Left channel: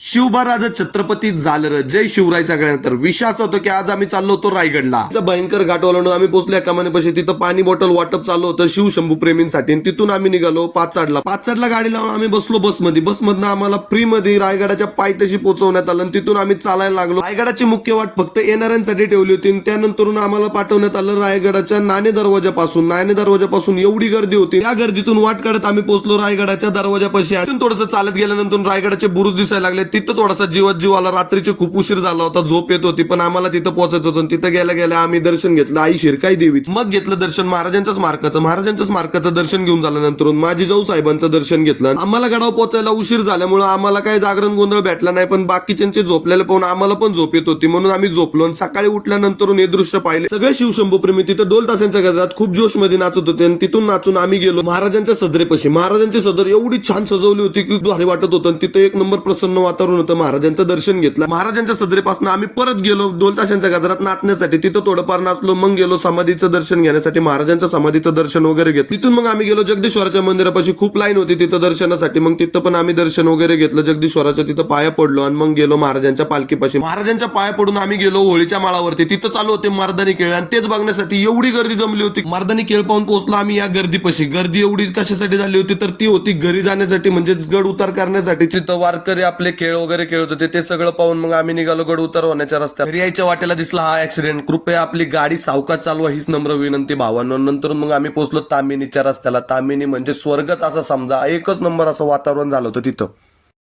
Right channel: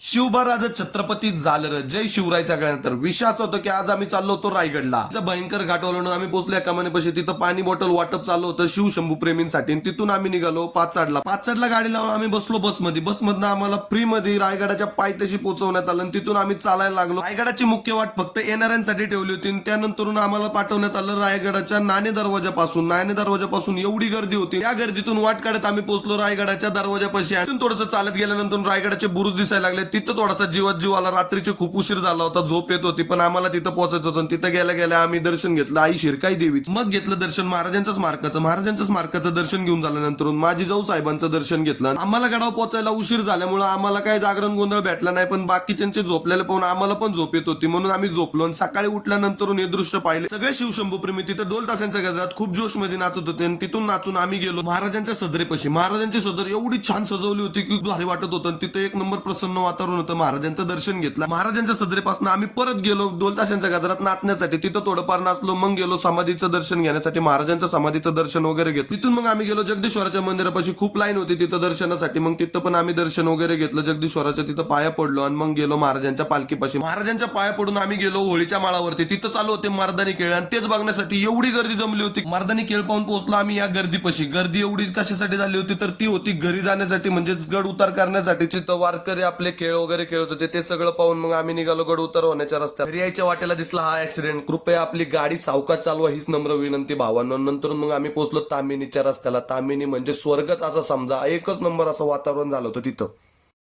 शिवबा छत्रपती झालं. जय शिवराय सगळ्यांना. तर विषय असं होतं की आज आम्ही चाललो होतो रायगडला. भयंकर घाट ओलांडून आम्ही पोहोचलो एका कमानीपाशी. तिथं पाणी बॉटल वाटप चालू होतं शिवशंभू प्रेमींसाठी. तिथून आम्ही निघालो पाचडला गाडी लावून आम्ही बसलो बसमध्ये. बसमधनं आम्हाला फ्री मध्ये रायगडाच्या पायथ्याशी पोहोचवण्यात आलं. तिथून आम्ही चालायला लागलो. रायगडाची मुख्य वाट फक्त येणाऱ्यांसाठी ठेवली होती. त्यानंतर आम्हाला पाठवण्यात आलं रायगडाच्या नाणे दरवाजापासून एवढी गर्दी होती. त्या गर्दीतून वाट काढत आम्ही पोहोचलो रायगडाच्या दरवाजापाशी. तिथून थोडंसं चालत गेल्यानंतर रायगडाचे बुरुज दिसायला लागले. तिथं थोडासा जीव आला. रात्रीचे खूप उशीर झाला होता. झोप येत होती. पण आम्हाला तिथं पोहोचायचं होतं. तिथं गेल्या आम्ही दर्शन घेतलं आई शिरकाई देवीचं. मग घेतलं दर्शन महाराजांच्या स्मारकाचं दर्शन घेऊन झाल्यानंतर माझी जाऊ साहेबांचं दर्शन घेतलं. आम्हाला गडावर पोहोचायला उशीर झाल्यामुळे आम्हाला काय जागरण गोंधळ भेटला नाही. पण बाकीच्यांचे झोपलेले पाहून आम्हाला पण झोप येत होती. म्हणून आम्ही झोपलो आणि सकाळी उठल्यानंतर हे दृश्य पाहिले. सगळे शिवशंभू प्रेमी तिथं ढोल ताशांच्या गजरात खूप जोश मध्ये नाचत होते. आणि तिथून नाचून आम्ही गेलो महाराजांच्या सदरेपाशी. महाराजांची सदर एवढी छान सजवली होती की भारी वाटत होतं. तिथे एक नंबर प्रसन्न वातावरण होतं. महाराजांचं दर्शन घेतलं. महाराजांच्या सदरेपासून आम्ही परत गेलो ढोल ताशांच्या गजरात नाचण्यासाठी. तिथं थोडंफार नाचलो. मग गेलो समाधीचं दर्शन घेण्यासाठी. महाराजांच्या समाधीचं दर्शन वगैरे घेतलं. तिथून मग आम्ही गेलो जगदीश्वराच्या मंदिरापाशी. खूप लाईन होती तिथं दर्शनासाठी. मग तिथं पण आम्ही दर्शन वगैरे घेतलं. जगदीश्वराच्या तिथं पाया पडलो आणि मग गेलो महाराजांच्या पालखीपाशी. महाराजांच्या पाया पडून आम्ही गेलो होळीच्या माळावरती. तिथं चालू होते मर्दानी खेळ आणि तेच बघण्यासाठी एवढी गर्दी जमली होती. मर्दानी खेळ पाहून पोहोचलो आम्ही या गर्दीपाशी. गर्दी एवढी कशासाठी झाली होती तर ती होती घरी जाण्यासाठी, म्हणजे गड उतार करण्यासाठी. तिथं वारकरी आपले खेळ वगैरे खेळत होते. ते सगळं पाहून मग आम्ही निघालो गड उतार होण्याच्या रस्त्यात. घरी यायच्या वाटेला दिसला हा ऍक्सिडेंट. कृपया आपली गाडी सावकाश चालवा हीच नम्र विनंती भावांनो. नंतर मग आम्ही पोहोचलो तामिनीच्या रस्त्याला. तामिनी म्हणजे स्वर्गच असं समजा. एकच नंबर असं वातावरण झालं होतं तिथं.